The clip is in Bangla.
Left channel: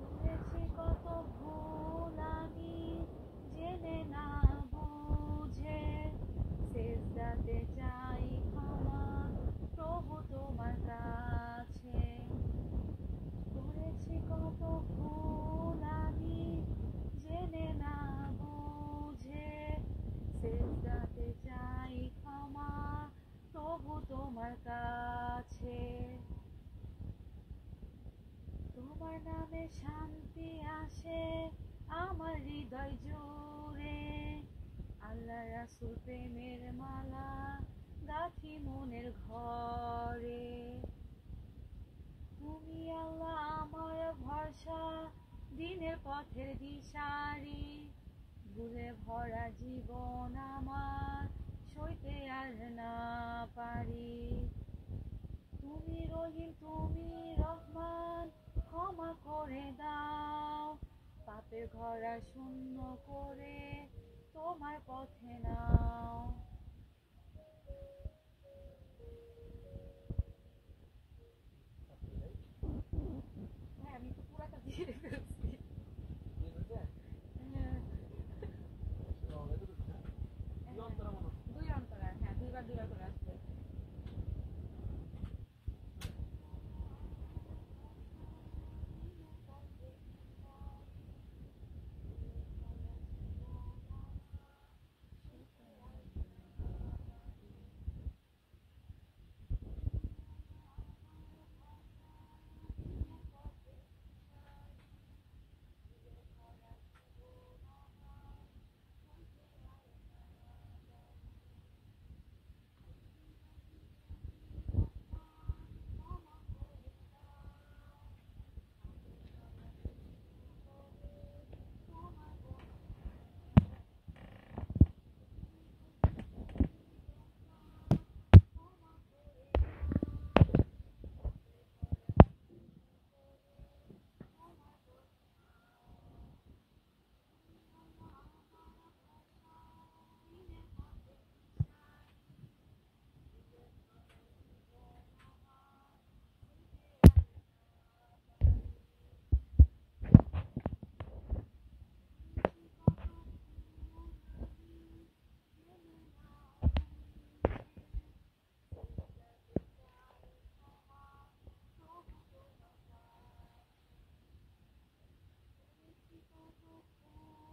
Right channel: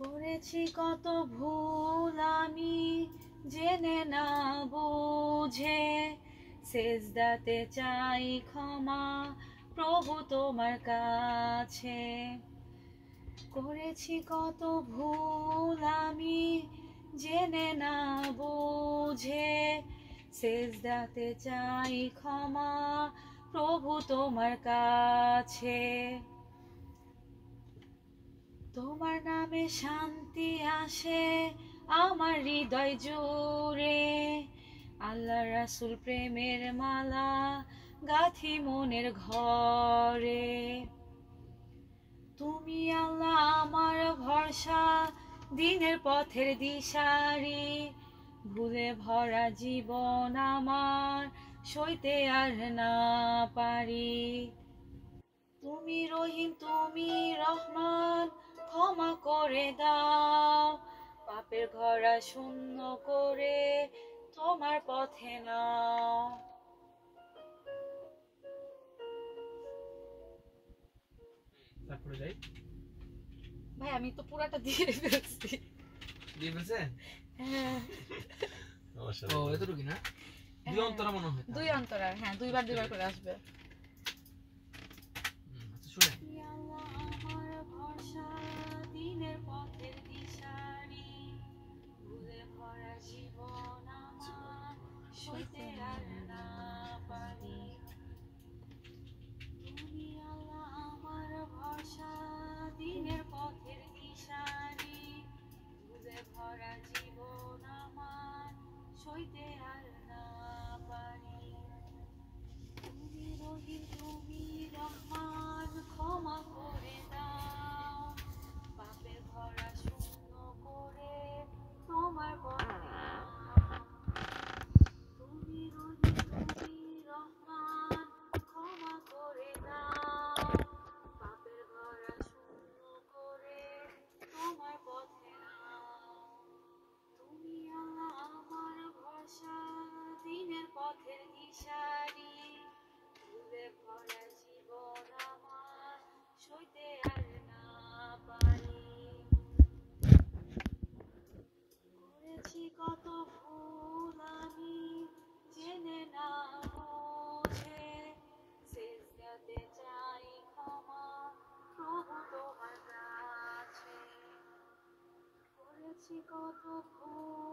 করেছি কত ভুল আমি জেনে না বুঝে, সেজদাতে চাই ক্ষমা প্রভু তোমার কাছে। করেছি কত ভুল আমি জেনে না বুঝে, সেজদাতে চাই ক্ষমা প্রভু তোমার কাছে। তোমার নামে শান্তি আসে আমার হৃদয় জুড়ে, আল্লাহ রাসূল প্রেমের মালা গাঁথি মনের ঘরে। তুমি আল্লাহ আমার ভরসা, দিনের পথের দিশারি, ভুলে ভরা জীবন আমার সইতে আর না পারি। তুমি রহিম তুমি রহমান, ক্ষমা করে দাও, পাপের ঘরা শূন্য করে তোমার পথে নাও। তারপরে যাই। ভাই আমি তো পুরাটা দিয়ে ফেলছি। দিয়ে ফেলছেন? হ্যাঁ। ও এতটুকু না? দুই অন্তরা মনে হয়। দুই অন্তরা, হ্যাঁ দুইবার করে আসবে। শুনে দিনের পথের দিশারি, ভুলে ভরা জীবন আমার সইতে আর না পারি। তুমি রহিম তুমি রহমান, ক্ষমা করে দাও, পাপের ভরা শূন্য করে তোমার পথে নাও। তুমি রহিম তুমি রহমান, ক্ষমা করে দাও, পাপের ভরা শূন্য করে তোমার পথে নাও। তুমি আল্লাহ আমার ভরসা, দিনের পথের দিশারি, ভুলে ভরা জীবন আমার সইতে আর না পারি। করেছি কত ভুল আমি জেনে না বুঝে, সেজদাতে চাই ক্ষমা প্রভু তোমার কাছে। করেছি কত ভুল